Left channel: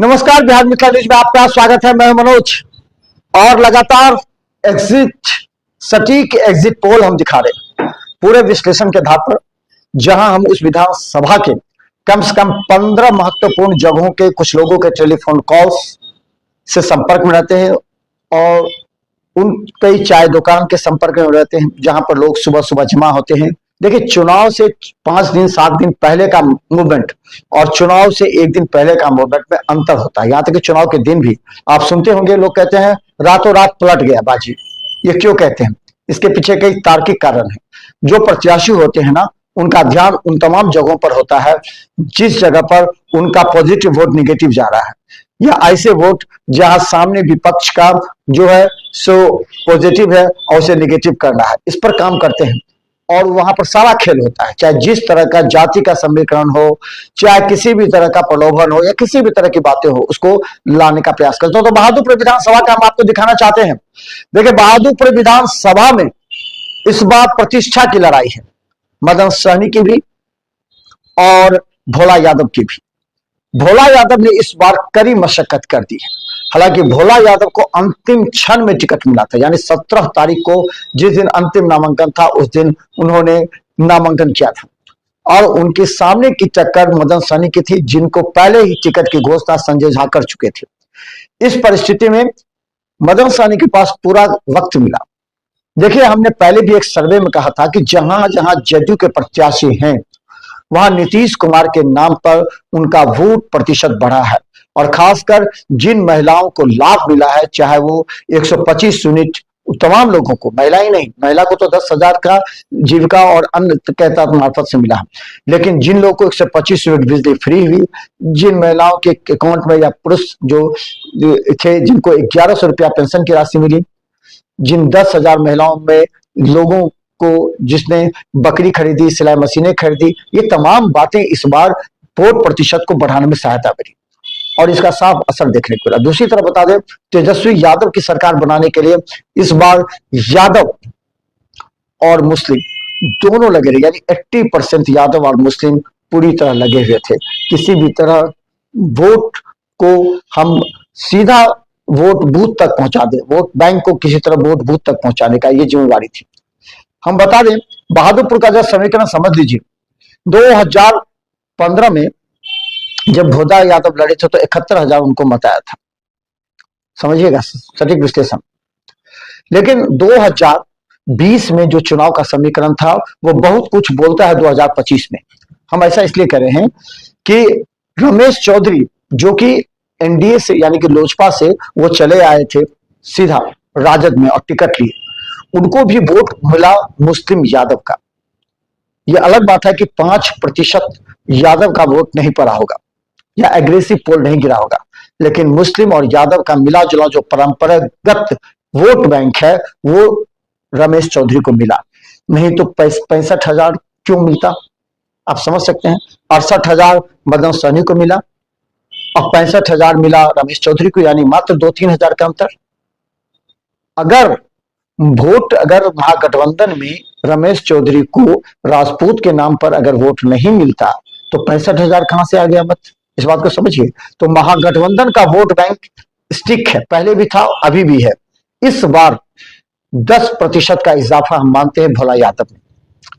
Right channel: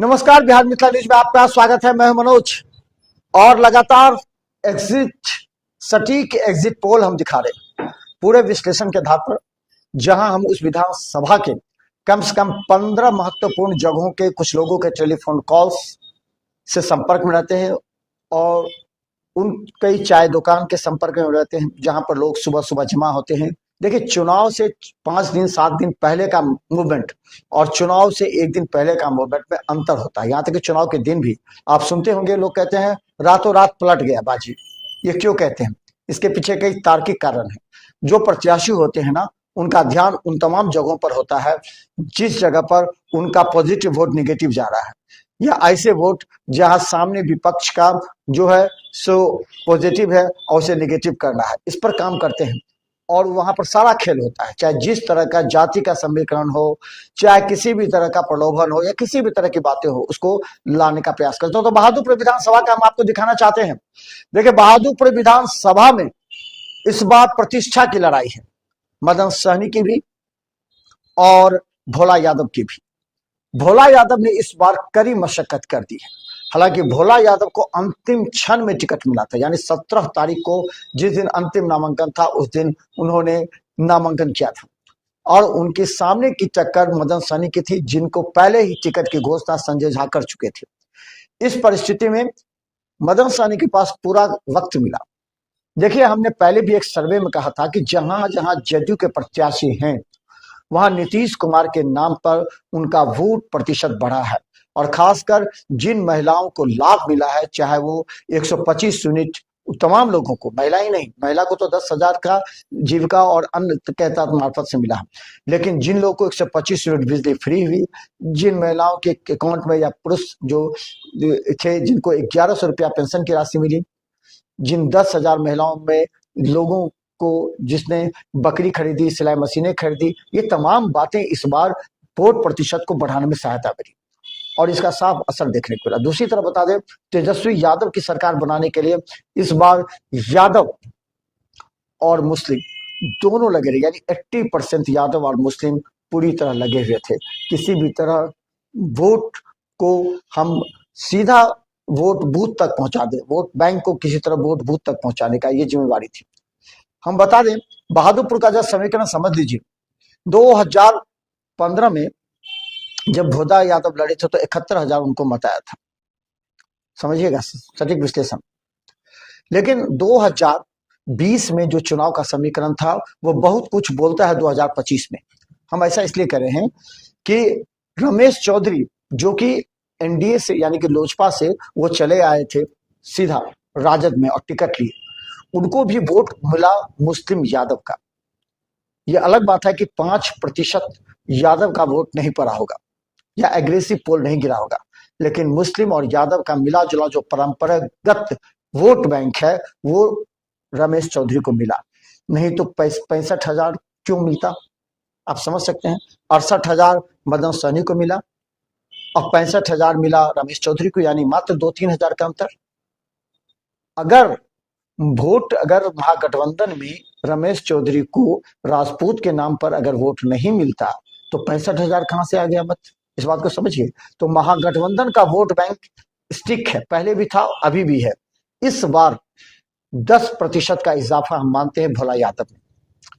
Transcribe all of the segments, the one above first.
नमस्कार, बिहार मिथिला न्यूज में आपका स्वागत है। मैं मनोज और लगातार सटीक एग्जिट पोल हम दिखा रहे हैं पूरे विश्लेषण के आधार पर, जहां हम उस विधानसभा के कम से कम 15 महत्वपूर्ण जगहों के कुछ लोगों के टेलीफोन कॉल्स से संपर्क में रहते हैं और उन कई चाय दुकान के संपर्क में रहते हैं जहां पर लोग सुबह सुबह जमा होते हैं। देखिए, चुनाव से 5 दिन 7 दिन पहले का मूवमेंट और चुनाव से 1 दिन पहले का मूवमेंट में अंतर होता है। यहाँ तक कि चुनाव के दिन भी आप सुनते होंगे, लोग कहते हैं रातों रात पलट गया बाजी। ये क्यों कहते हैं? इसके पीछे कई तार्किक कारण है। जो प्रत्याशी होते हैं ना, उनका ध्यान उन तमाम जगहों पर होता है जिस जगह पर उनका पॉजिटिव वोट निगेटिव जा रहा है, या ऐसे वोट जहां सामने विपक्ष का जो है सो पॉजिटिव है और उसे निगेटिव करना है, इस पर काम करते हैं। और वहां पर सारा खेल होता है, चाहे जिस तरह का जाति का समीकरण हो, चाहे किसी भी तरह का प्रलोभन हो या किसी भी तरह की बातें हो, उसको लाने का प्रयास करते हो। तो बहादुरपुर विधानसभा का हम आपको दिखाना चाहते हैं। देखिए, बहादुरपुर विधानसभा में इस बार प्रतिष्ठा की लड़ाई है, मदन सहनी की भी और भोला यादव की भी। भोला यादव ने इस बार कड़ी मशक्कत कर दी है। हालांकि भोला यादव को अंतिम क्षण में टिकट मिला था, यानी 17 तारीख को जिस दिन अंतिम नामांकन था उस दिन उन्होंने नामांकन किया था और उनके सामने की टक्कर मदन सहनी की थी, जिनको पहले ही टिकट की घोषणा संजय झा कर चुके थे। इस परिस्थिति में मदन सहनी के पास पूरा वक्त मिला। देखिए, हमने पहले भी एक सर्वे में कहा था कि जहां जहां जदयू के प्रत्याशी हैं वहां नीतीश कुमार के नाम पर उनका वोट प्रतिशत बढ़ा है और खासकर जिन महिलाओं को लाभ मिला है, चाहे वो 125 यूनिट तमाम लोगों को, महिला ही नहीं, महिला को तो 10,000 का जीविका और अन्य के तहत मार्फत से मिला, लेकिन जिन लोगों को 125 यूनिट बिजली फ्री हुई, जिन महिलाओं के अकाउंट में या पुरुष जो थे जिनको 1100 रुपया पेंशन की राशि मिली, जिन 10,000 महिलाओं में लोगों को जिसने बकरी खरीदी, सिलाई मशीनें खरीदी, ये तमाम बातें इस बार वोट प्रतिशत को बढ़ाने में सहायता करी और इसका साफ असर देखने को मिला। दूसरी तरफ बता दें, तेजस्वी यादव की सरकार बनाने के लिए इस बार यादव और मुस्लिम दोनों लगे रहे, यानी 80% यादव और मुस्लिम पूरी तरह लगे हुए थे। किसी भी तरह वोट को हम सीधा वोट बूथ तक पहुंचा दे, वोट बैंक को किसी तरह वोट बूथ तक पहुंचाने का ये जिम्मेवारी थी। हम बता दें, बहादुरपुर का जब समीकरण समझ लीजिए, 2015 में जब भोला यादव लड़े थे तो 71,000 उनको मत आया था, समझिएगा सटीक विश्लेषण। लेकिन 2020 में जो चुनाव का समीकरण था वो बहुत कुछ बोलता है 2025 में। हम ऐसा इसलिए कह रहे हैं कि रमेश चौधरी जो कि एनडीए से यानी कि लोजपा से वो चले आए थे सीधा राजद में और टिकट लिए, उनको भी वोट मिला मुस्लिम यादव का। यह अलग बात है कि 5% यादव का वोट नहीं पड़ा होगा या एग्रेसिव पोल नहीं गिरा होगा, लेकिन मुस्लिम और यादव का मिला जुला जो परंपरागत वोट बैंक है वो रमेश चौधरी को मिला। नहीं तो 65,000 क्यों मिलता, आप समझ सकते हैं। 68,000 मदन सहनी को मिला और 65,000 मिला रमेश चौधरी को, यानी मात्र 2-3 हजार का अंतर। अगर महागठबंधन में रमेश चौधरी को राजपूत के नाम पर अगर वोट नहीं मिलता तो 65,000 कहां से आ गया मत, इस बात को समझिए। तो महागठबंधन का वोट बैंक स्टिक है, पहले भी था अभी भी है। इस बार 10% का इजाफा हम मानते हैं भोला यादव ने,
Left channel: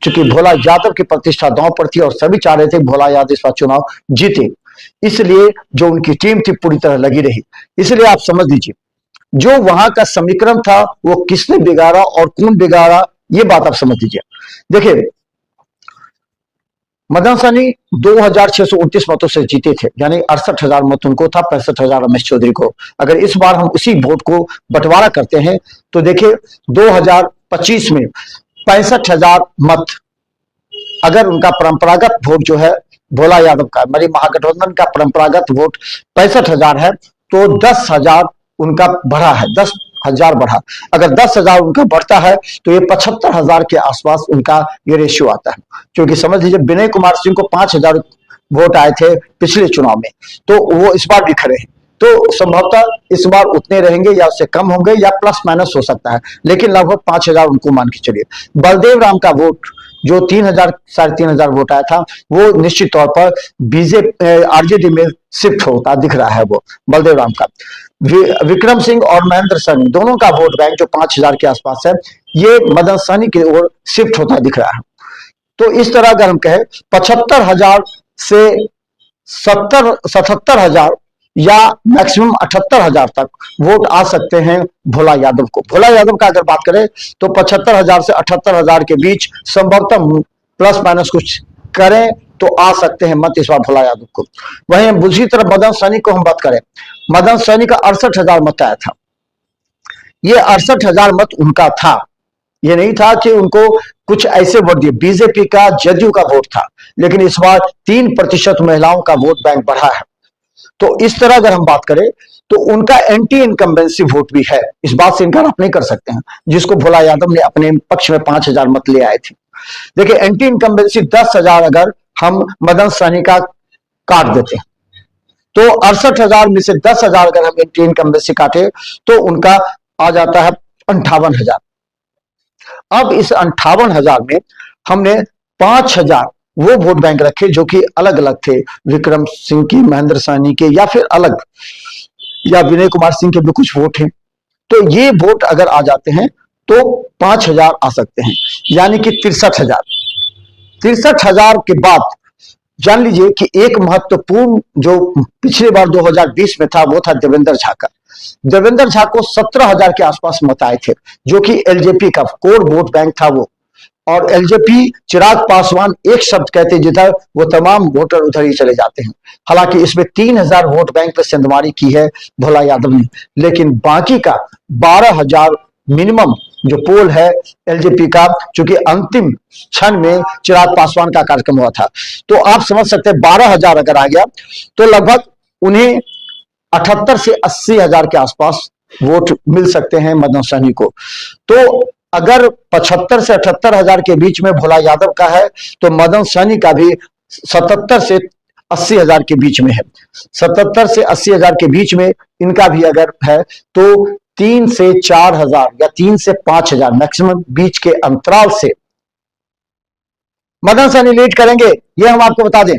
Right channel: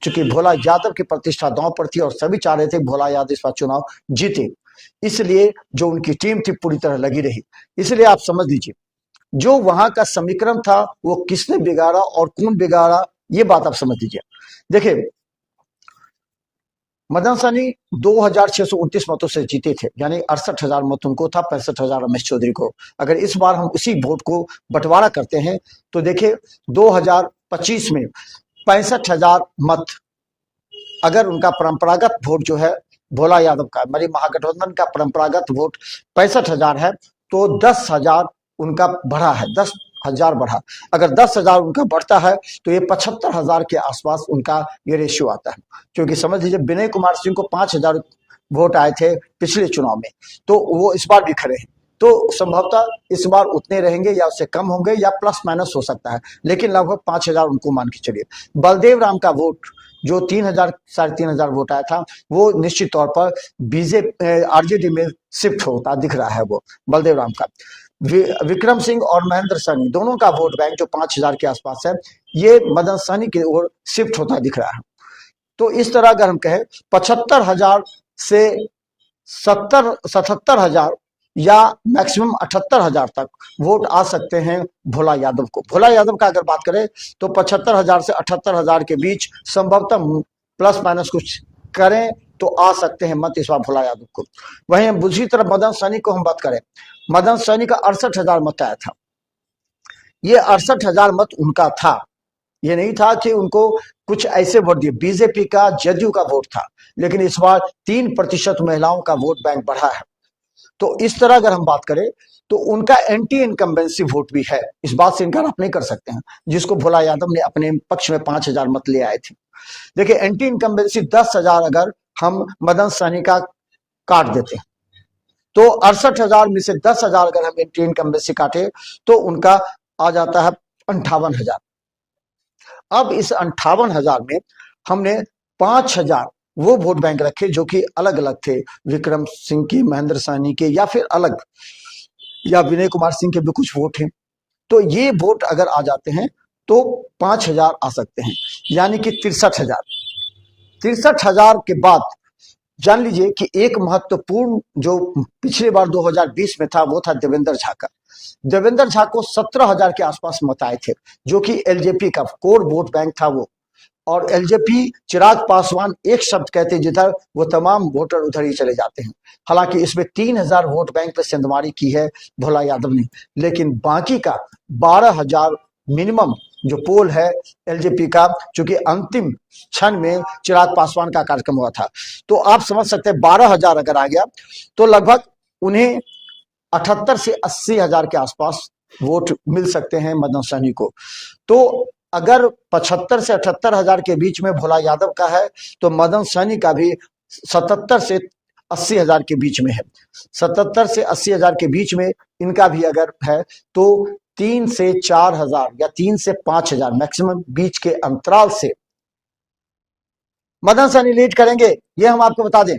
क्योंकि भोला यादव की प्रतिष्ठा दांव पर थी और सभी चाह रहे थे भोला यादव इस बार चुनाव जीते, इसलिए जो उनकी टीम थी पूरी तरह लगी रही। इसलिए आप समझ लीजिए, जो वहां का समीकरण था वो किसने बिगाड़ा और कौन बिगाड़ा, ये बात आप समझ लीजिए। देखिए, मदन सहनी 2,629 मतों से जीते थे, यानी 68,000 मत उनको था, 65,000 रमेश चौधरी को। अगर इस बार हम उसी वोट को बंटवारा करते हैं तो देखिए 2025 में 65,000 मत अगर उनका परंपरागत वोट जो है भोला यादव का, मेरी महागठबंधन का परंपरागत वोट 65,000 है, तो 10,000 उनका बढ़ा है, 10,000 बढ़ा। अगर 10,000 उनका बढ़ता है तो ये 75,000 के आसपास उनका ये रेशियो आता है। क्योंकि समझ लीजिए विनय कुमार सिंह को 5,000 वोट आए थे पिछले चुनाव में, तो वो इस बार भी खड़े हैं, तो संभवतः इस बार उतने रहेंगे या उससे कम होंगे या प्लस माइनस हो सकता है, लेकिन लगभग 5,000 उनको मान के चलिए। बलदेव राम का वोट जो 3000 3,500 वोट आया था वो निश्चित तौर पर बीजेपी आरजेडी में शिफ्ट होता दिख रहा है। वो बलदेव राम का, विक्रम सिंह और महेंद्र सहनी दोनों का वोट बैंक जो 5000 के आसपास है, ये मदन सहनी की ओर शिफ्ट होता दिख रहा है। तो इस तरह अगर हम कहें 75,000 से 77,000 या मैक्सिमम 78,000 तक वोट आ सकते हैं भोला यादव को। भोला यादव का अगर बात करें तो 75,000 से 78,000 के बीच संभवतः प्लस माइनस कुछ करें तो आ सकते हैं मत इस बार भोला यादव को। वहीं दूसरी तरफ मदन सहनी को हम बात करें, मदन सहनी का 68,000 मत आया था। ये 68,000 मत उनका था, ये नहीं था कि उनको कुछ ऐसे वोट दिए। बीजेपी का जदयू का वोट था, लेकिन इस बार 3% महिलाओं का वोट बैंक बढ़ा है। तो इस तरह अगर हम बात करें तो उनका एंटी इनकम्बेंसी वोट भी है, इस बात से इनकार आप नहीं कर सकते हैं, जिसको भोला यादव ने अपने पक्ष में 5,000 मत ले आए थे। देखिए एंटी इनकम्बेंसी 10,000 अगर हम मदन सहनी का काट देते हैं तो 68,000 में से 10,000 अगर हम एंटी इनकम्बेंसी काटे तो उनका आ जाता है 58,000। अब इस 58,000 में हमने 5,000 वो वोट बैंक रखे जो कि अलग अलग थे, विक्रम सिंह की, महेंद्र सहनी के, या फिर अलग, या विनय कुमार सिंह के भी कुछ वोट हैं। तो ये वोट अगर आ जाते हैं तो 5,000 आ सकते हैं, यानी कि 63,000। 63,000 के बाद जान लीजिए कि एक महत्वपूर्ण जो पिछले बार 2020 में था वो था देवेंद्र झा का। देवेंद्र झा को 17,000 के आसपास मत आए थे, जो कि एलजेपी का कोर वोट बैंक था वो। और एलजेपी चिराग पासवान एक शब्द कहते जिधर वो तमाम वोटर उधर ही चले जाते हैं। हालांकि इसमें 3,000 वोट बैंक पे सेंधमारी की है भोला यादव ने, लेकिन बाकी का 12,000 मिनिमम जो पोल है एलजेपी का, चूंकि अंतिम क्षण में चिराग पासवान का कार्यक्रम हुआ था, तो आप समझ सकते हैं 12,000 अगर आ गया तो लगभग उन्हें 78 से 80,000 के आसपास वोट मिल सकते हैं मदन सहनी को। तो अगर 75 से 78,000 के बीच में भोला यादव का है तो मदन सहनी का भी 77 से 80,000 के बीच में है। 77 से 80,000 के बीच में इनका भी अगर है तो 3 से 4,000 या 3 से 5,000 मैक्सिमम बीच के अंतराल से मदन सहनी लीड करेंगे। ये हम आपको बता दें,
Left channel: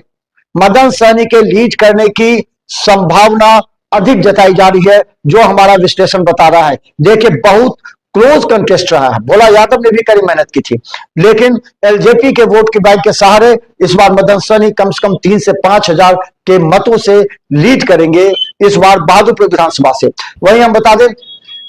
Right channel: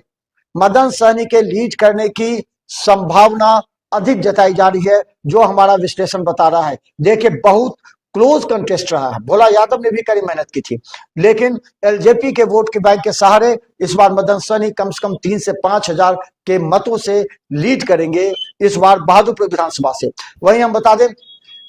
मदन सहनी के लीड करने की संभावना अधिक जताई जा रही है, जो हमारा विश्लेषण बता रहा है। देखिए बहुत क्लोज कंटेस्ट रहा है, भोला यादव ने भी कड़ी मेहनत की थी, लेकिन एलजेपी के वोट के बैंक के सहारे इस बार मदन सहनी कम से कम 3 से 5,000 के मतों से लीड करेंगे इस बार बहादुरपुर विधानसभा से। वहीं हम बता दें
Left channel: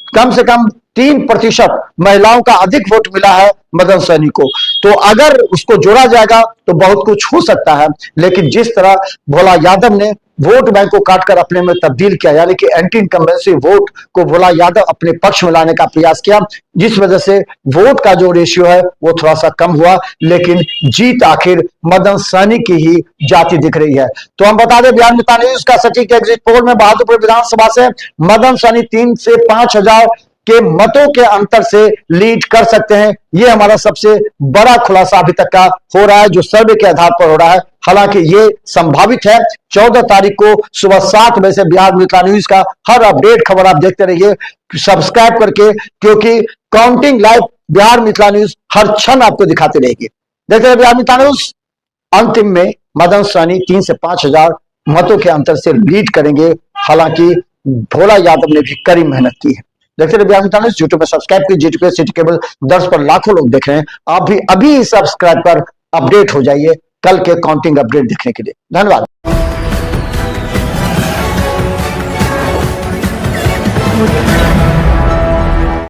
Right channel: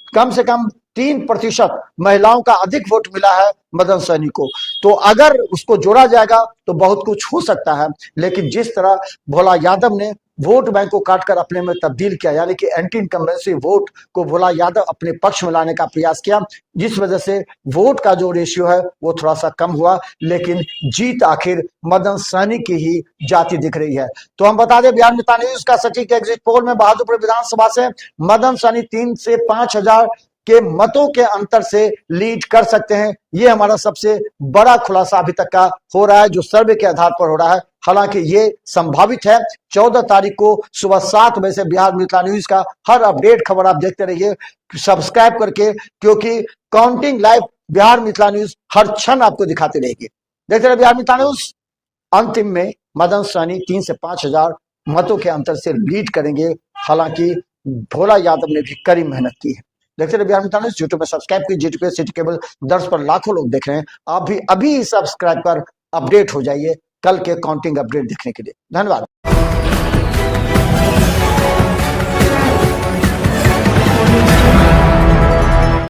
कम से कम 3% महिलाओं का अधिक वोट मिला है मदन सहनी को, तो अगर उसको जोड़ा जाएगा तो बहुत कुछ हो सकता है। लेकिन जिस तरह भोला यादव ने वोट बैंक को काटकर अपने में तब्दील किया, यानी कि एंटी इनकम्बेंसी वोट को भोला यादव अपने पक्ष में लाने का प्रयास किया, जिस वजह से वोट का जो रेशियो है वो थोड़ा सा कम हुआ, लेकिन जीत आखिर मदन सहनी की ही जाती दिख रही है। तो हम बता दें बिहार मित्र न्यूज का सचिव के एग्जिट पोल में बहादुरपुर विधानसभा से मदन सहनी 3 से 5,000 के मतों के अंतर से लीड कर सकते हैं। यह हमारा सबसे बड़ा खुलासा अभी तक का हो रहा है, जो सर्वे के आधार पर हो रहा है। हालांकि ये संभावित है। 14 तारीख को सुबह 7 बजे से बिहार मित्र न्यूज का हर अपडेट खबर आप देखते रहिए सब्सक्राइब करके, क्योंकि काउंटिंग लाइव बिहार मित्र न्यूज हर क्षण आपको दिखाते रहेगी। देखते रहिए बिहार मित्र न्यूज। अंतिम में मदन सहनी 3 से 5,000 मतों के अंतर से लीड करेंगे। हालांकि भोला यादव ने भी कड़ी मेहनत की है। देखते रहिए बिहार मित्र न्यूज। यूट्यूब पर सब्सक्राइब कीजिए, जीटीपी सिटी केबल दर्श पर लाखों लोग देख रहे हैं। आप भी अभी सब्सक्राइब पर अपडेट हो जाइए कल के काउंटिंग अपडेट देखने के लिए। धन्यवाद।